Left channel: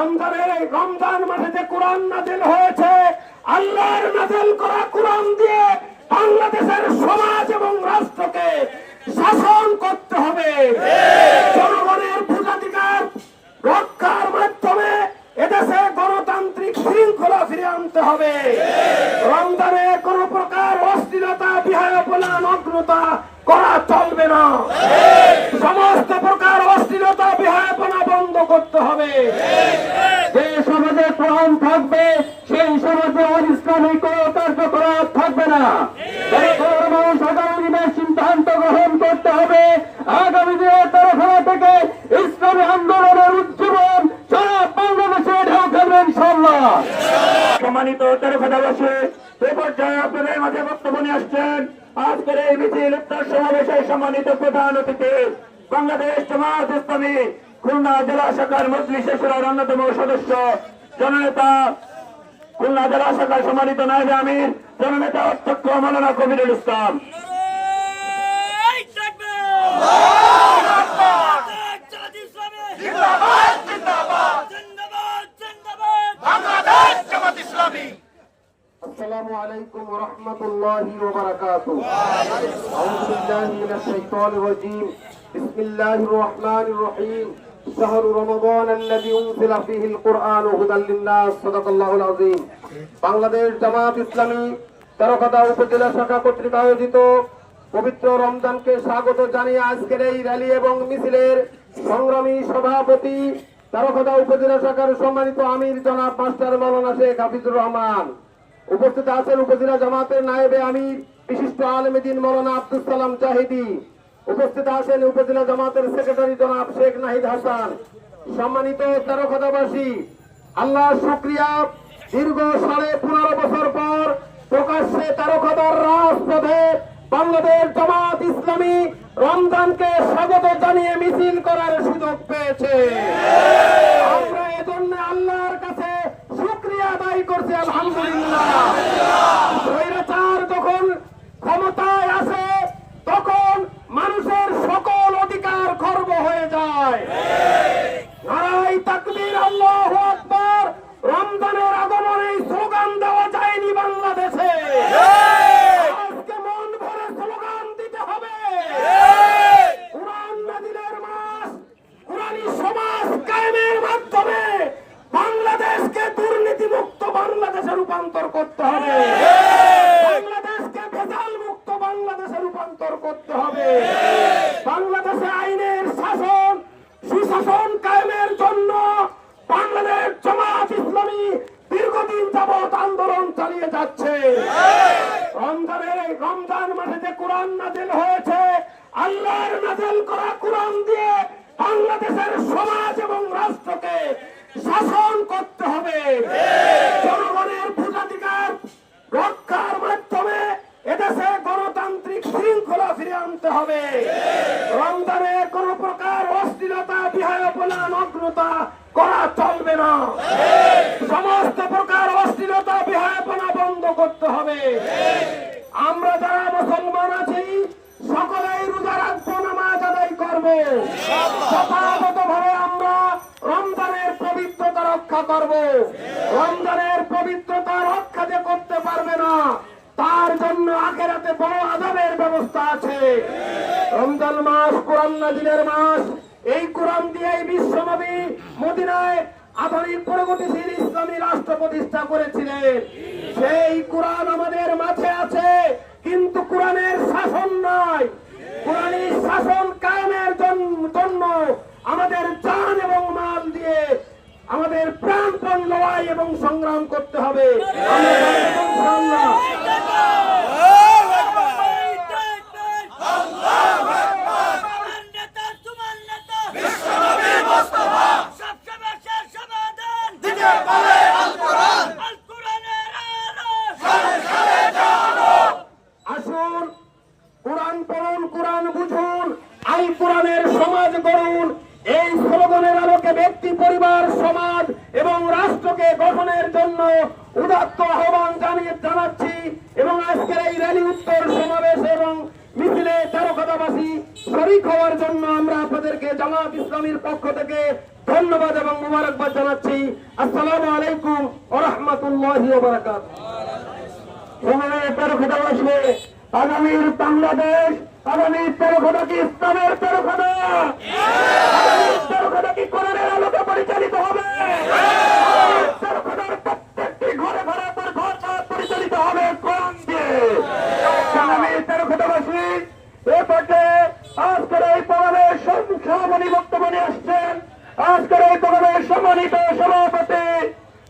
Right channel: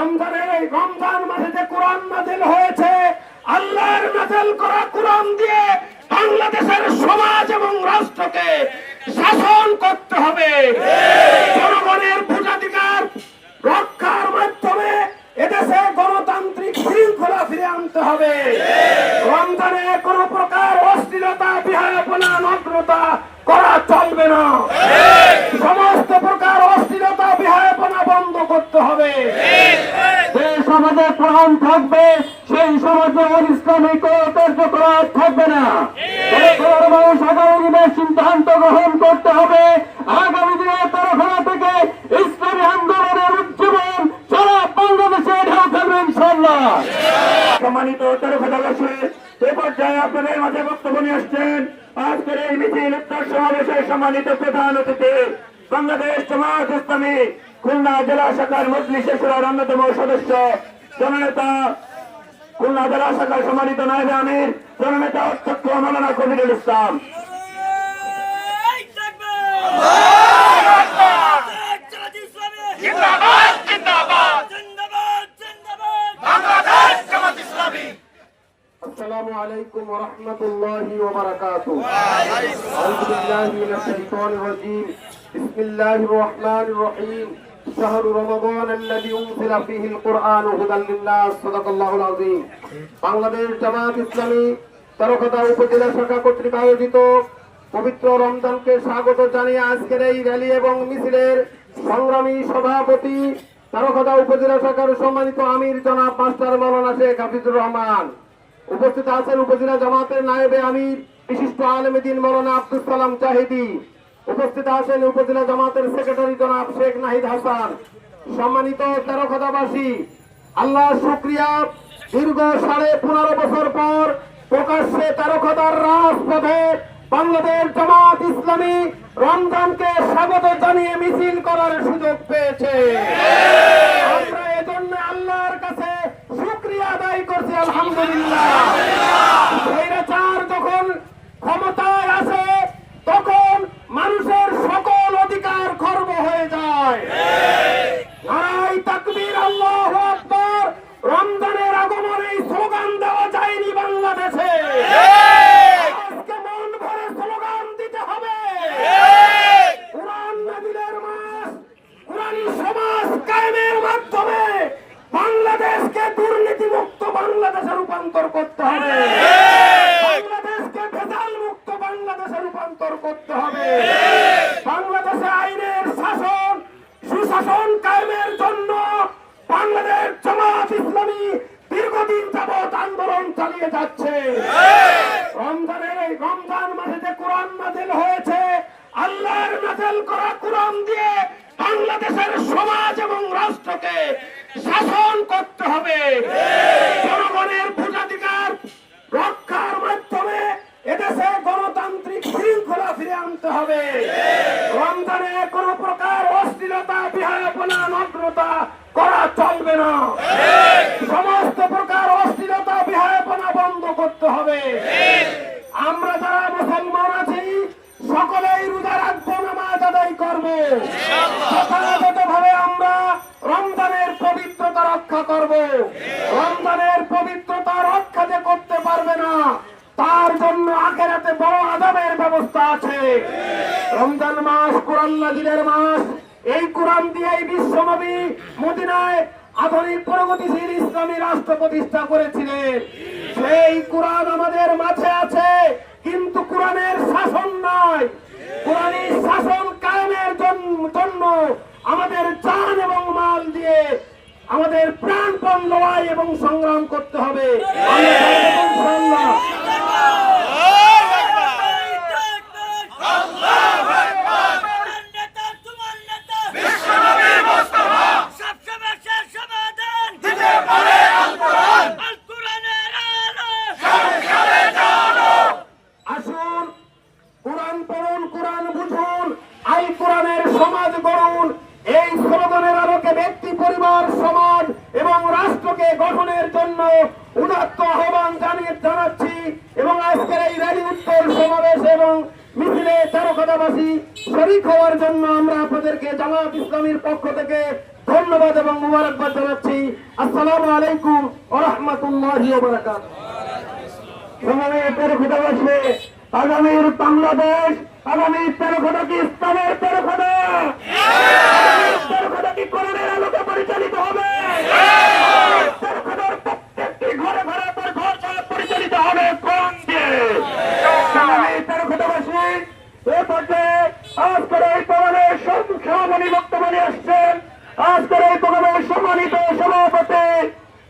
রমজানের এই রমজান মাসে যে কোরআন নাযিল হয়েছে, আল্লাহর নাযিল করা কোরআন দিয়ে বাংলাদেশের সমাজ এবং রাষ্ট্রকে শাসন করতে হবে। জনগণের ভোটাধিকার রক্ষার মাধ্যমে এদেশে গণতান্ত্রিক শৃঙ্খলা ফিরে আনতে হবে। রমজানে কোনো প্রকার অশ্লীলতা, বিহায়াপনা, নগ্নতা করা চলবে না। সমস্ত প্রকার অশ্লীলতা, বিহায়াপনা বন্ধ করতে হবে। যে সমাজে কোরআন থাকবে সেই সমাজে ইসলামিক কার্যকলাপ থাকবে না। মানুষ আগামী দিনে সিদ্ধান্ত গ্রহণ করতে হবে। আগামী দিনে তরফা থেকে ইসলামী আন্দোলনের উজ্জীবন সারা বাংলাদেশে ঢেউ খেলবে ইনশাআল্লাহ। সম্মানিত তরফাবাসী, এ পর্যায়ে আপনাদের মাঝে বক্তব্য নিয়ে আসছেন আজকের এই মিছিল উত্তর সমাবেশের সম্মানিত প্রধান অতিথি, বাংলাদেশ জামাত ইসলামী খুলনা জেলা শাখার মজলিসের শুরার অন্যতম সদস্য জননেতা, খুলনা জেলা শাখার সম্মানিত নায়েবে আমির জননেতা অধ্যক্ষ মাওলানা কবিরুল ইসলাম। আসসালামু আলাইকুম ওয়া রাহমাতুল্লাহি ওয়া বারাকাতুহু। আউযু বিল্লাহি মিনাশ শাইতানির রাজীম। বিসমিল্লাহির রহমানির রহিম। শাহরু রমাদান আল্লাযী উনজিলা ফীহিল কুরআন হুদাল লিন-নাস। সাদাকাল্লাহুল আযীম। বাংলাদেশ জামাত ইসলামী তেরোখাদা উপজেলা শাখা কর্তৃক আয়োজিত পবিত্র রমজানকে স্বাগত জানিয়ে আজকের এই র্যালি এবং মিছিলের সংগ্রামী সভাপতি তেরোখাদা উপজেলা শাখার সম্মানিত আমির জনাব মাস্টার মাওলানা শেখ হাফিজুর রহমান, উপস্থিত আছেন উপজেলা জামাতের নায়েবে আমির বিশিষ্ট আলেমে দ্বীন মাওলানা আব্দুস সালাম জাহিদি, উপস্থিত আছেন উপজেলা জামাতের সেক্রেটারি জনাব শেখ নাহিদ হাসান। সম্মানিত তেরোখাদাবাসী, আল্লাহ শুকরিয়া, দীর্ঘ 15.5 বছর পর প্রকাশ্যে তেরোখাদার রাজপথে বাংলাদেশ জামাত ইসলামী রমজানকে স্বাগত জানিয়ে মিছিল করার সুযোগ পেয়েছে। আমরা এজন্য আল্লাহর কাছে শুকরিয়া আদায় করছি, আলহামদুলিল্লাহ। স্বৈরাচার যখন ক্ষমতায় আসে তখন মানুষের সকল অধিকার খর্ব হয়ে যায়। নারায়ে তাকবীর, আল্লাহু আকবার। রমজানের আগমনে স্লোগান দেওয়া যায়নি বাংলাদেশে। আজকে মন ভরে স্লোগান দিতে হবে। কোরআন নাযিলের মাস, কোরআনী সমাজ কায়েমের মাধ্যমে বাংলাদেশকে দুর্নীতিমুক্ত বাংলাদেশে রূপান্তর করতে হবে। বাংলাদেশকে ভেজাল মুক্ত বাংলাদেশে রূপান্তর করতে হবে। বাংলাদেশে আইনের শাসন, সুশাসন কায়েমের জন্য বাংলাদেশ জামাত ইসলামী দীর্ঘদিন যাবৎ আন্দোলন চালিয়ে যাচ্ছে। রমজানের এই রমজান মাসে যে কোরআন নাযিল হয়েছে, আল্লাহর নাযিল করা কোরআন দিয়ে বাংলাদেশের সমাজ এবং রাষ্ট্রকে শাসন করতে হবে। জনগণের ভোটাধিকার রক্ষার মাধ্যমে এদেশে গণতান্ত্রিক শৃঙ্খলা ফিরে আনতে হবে। রমজানে কোনো প্রকার অশ্লীলতা, বিহায়াপনা, নগ্নতা করা চলবে না। সমস্ত প্রকার অশ্লীলতা, বিহায়াপনা বন্ধ করতে হবে। আমরা যারা মুসলমান আছি সকলেই রোজা রাখবো, নামাজ আদায় করবো। যথাযথভাবে আমরা রমজানের পবিত্রতা রক্ষা করব। রমজানের পবিত্রতা রক্ষা যে করতে পারবে না, তার জন্য আখিরাতে বড় আযাবের ব্যবস্থা আছে। রমজান মাস কোরআন নাযিলের মাস। এই কোরআন দিয়েই বিশ্বনবী মদিনায় আধুনিক প্রগতিশীল ইসলামী রাষ্ট্র প্রতিষ্ঠা করেছিলেন। সেই কোরআন আমাদের মাঝে আছে, কিন্তু কোরআনের শাসন নাই। কোরআনী শাসন কায়েমের জন্য আমাদের জান এবং মাল দিয়ে আমাদের প্রাণপণ লড়াই এবং সংগ্রাম করতে হবে। আসুন, কোরআন পড়ুন, কোরআন বুঝুন, আল কোরআনের সমাজ গড়ুন। এই স্লোগানের আলোকে ব্যক্তি, পরিবার, সমাজ এবং রাষ্ট্রকে গঠনের জন্য উদাত্ত আহ্বান জানাচ্ছি। এবং আজকের এই র্যালি, উত্তর সমাবেশ এবং মিছিলে তেরোখাদাবাসী শরীক হওয়ার জন্য আমরা আপনাদেরকে জামাত ইসলামীর পক্ষ থেকে ধন্যবাদ এবং মুবারকবাদ জানাচ্ছি। আসসালামু আলাইকুম ওয়া রাহমাতুল্লাহি ওয়া বারাকাতুহু। সম্মানিত খোদাবাসী, আগামীর বাংলাদেশ, আগামী তেরোখানা কি ইসলামের তেরোখানা? তেরোখানা কি কোরআনের আলোকে পরিচালিত হবে? তেরোখানার প্রত্যেকটি ঘরে ঘরে পরিচালিত হবে কোরআন দিয়ে। সম্মানিত খোদাবাসী, এ পর্যায়ে আজকের এই প্রোগ্রামের সভাপতি বক্তব্য নিয়ে আসছেন আজকের এই প্রোগ্রামের সম্মানিত সভাপতি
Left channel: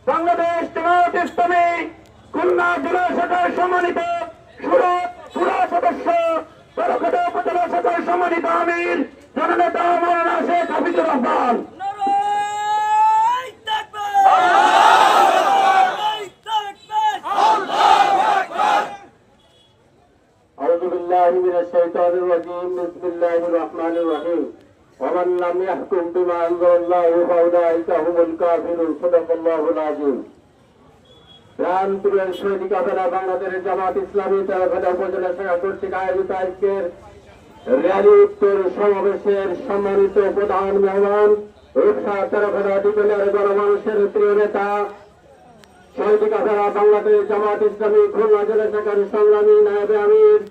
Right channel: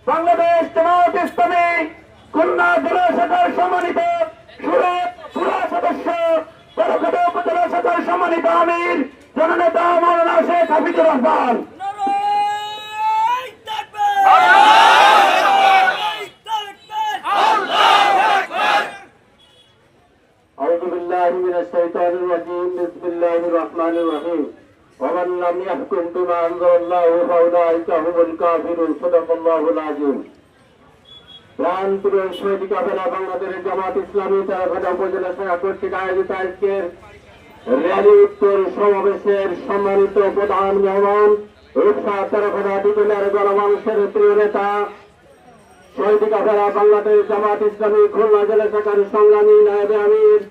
বাংলাদেশ জামায়াত ইসলামী খুলনা জেলা শাখার সম্মানিত সুরা সদস্য তেরোখানা উপজেলা শাখার সম্মানিত আমির জননেতা মাওলানা শেখ হাফিজুর রহমান। أعوذ بالله من الشيطان الرجيم بسم الله الرحمن الرحيم ومن لم يحكم بما أنزل الله فأولئك هم الكافرون صدق الله العظيم। প্রাণপ্রিয় শহীদ কাফেলা বাংলাদেশ জামাত ইসলামী তেরোখানা উপজেলা শাখা কর্তৃক আয়োজিত আজকের র্যালি উত্তর সমাবেশের সম্মানিত প্রধান মেহমান ইফতার তেরোখানা বিকেলের গণমানুষের প্রিয় নেতা শহীদ কাফেলা বাংলাদেশ জামাত ইসলামী খুলনা জেলা শাখার সংগ্রামী নায়েবে আমির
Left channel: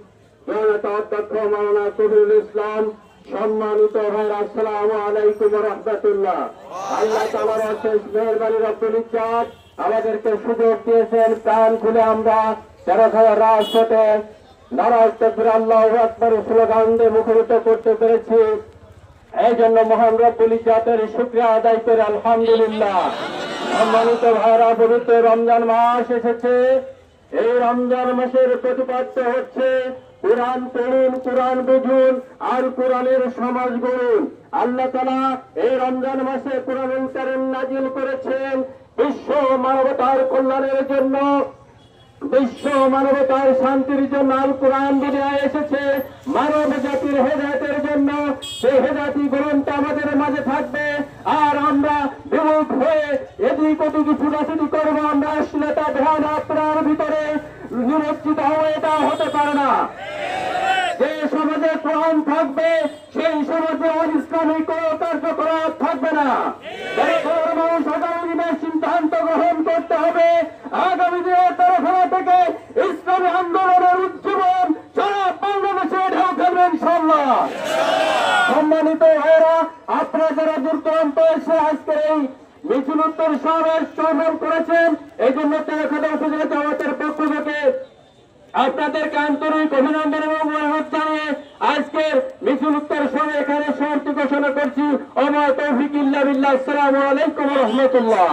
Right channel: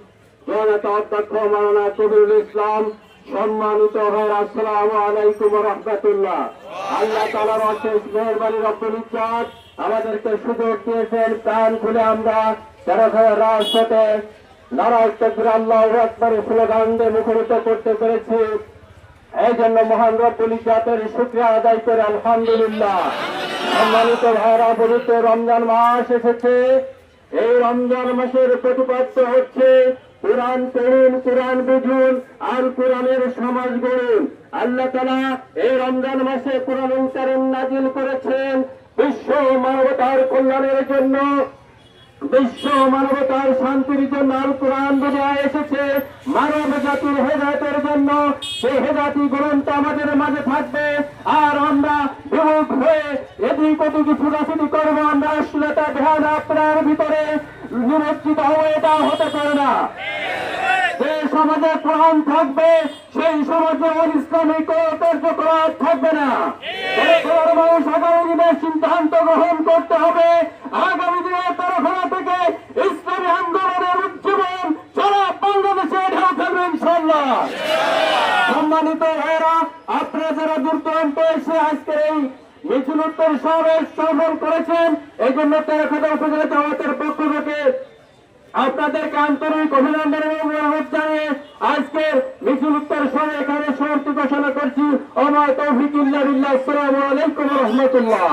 জননেতা অধ্যক্ষ মাওলানা কবিরুল ইসলাম, সম্মানিত ভাইয়ের আসসালামু আলাইকুম ওয়া রাহমাতুল্লাহ। আল্লাহ তাআলার অশেষ মেহেরবানি রব্বুল ইজ্জত আমাদেরকে সুযোগ দিয়েছেন প্রাণ খুলে আমরা তেরোখানা রাজপথে নারায়ে তাকবীর আল্লাহু আকবার স্লোগান দিয়ে মুখরিত করতে পেরেছি। এই জন্য মহান রব্বুল ইজ্জতের শুকরিয়া আদায় করে আলহামদুলিল্লাহ। সম্মানিত ভাইরা, পবিত্র রমজান মাস এসেছে। এই রমজান মাসের প্রতিপাদ্য হচ্ছে কোরআন পড়ুন, কোরআন বুঝুন আর কোরআনের সমাজ গড়ুন। আল্লাহ তাআলা এই রমজান মাসে কোরআনুল কারীম নাজিল করেছেন বিশ্ব মানবতার কল্যাণের জন্য, বিশ্ব মানবতার শান্তির জন্য। আল কোরআন দুনিয়ায় এসেছে মানব জাতির হেদায়েতের জন্য। সেই হেদায়েতি গ্রন্থ আমাদের মাঝে থাকবে আর আমরা বিমুখ হয়ে এদিক ওদিক ছুটাছুটি করবো। আমরা অশ্লীলতা ধ্যান আপনার ভিতরে নিমজ্জিত হয়ে এটা হতে পারে না। যে সমাজে কোরআন থাকবে সেই সমাজে ইসলামিক কার্যকলাপ থাকবে না। মানুষ আগামী দিনে সিদ্ধান্ত গ্রহণ করতে হবে আগামী দিনের তেরোখানা থেকে ইসলামী আন্দোলনের উজ্জীবন সারা বাংলাদেশে ঢেউ ফেলবে ইনশাআল্লাহ। সম্মানিত ভাইয়েরা, আপনারা যারা দূর দূরান্ত এসে আজকের এই মিছিল উত্তর সমাবেশ সফল করেছেন, এই জন্য তেরোখানা উপজেলা জামাতের পক্ষ থেকে আপনাদেরকে আন্তরিক অভিনন্দন এবং অনুরোধ জানিয়ে আজকের মিছিল উত্তর সভায় এখানে সমাপ্তি ঘোষণা করছি। ওমা তৌফিক ইল্লা বিল্লাহ। আসসালামু আলাইকুম ওয়া রাহমাতুল্লাহ।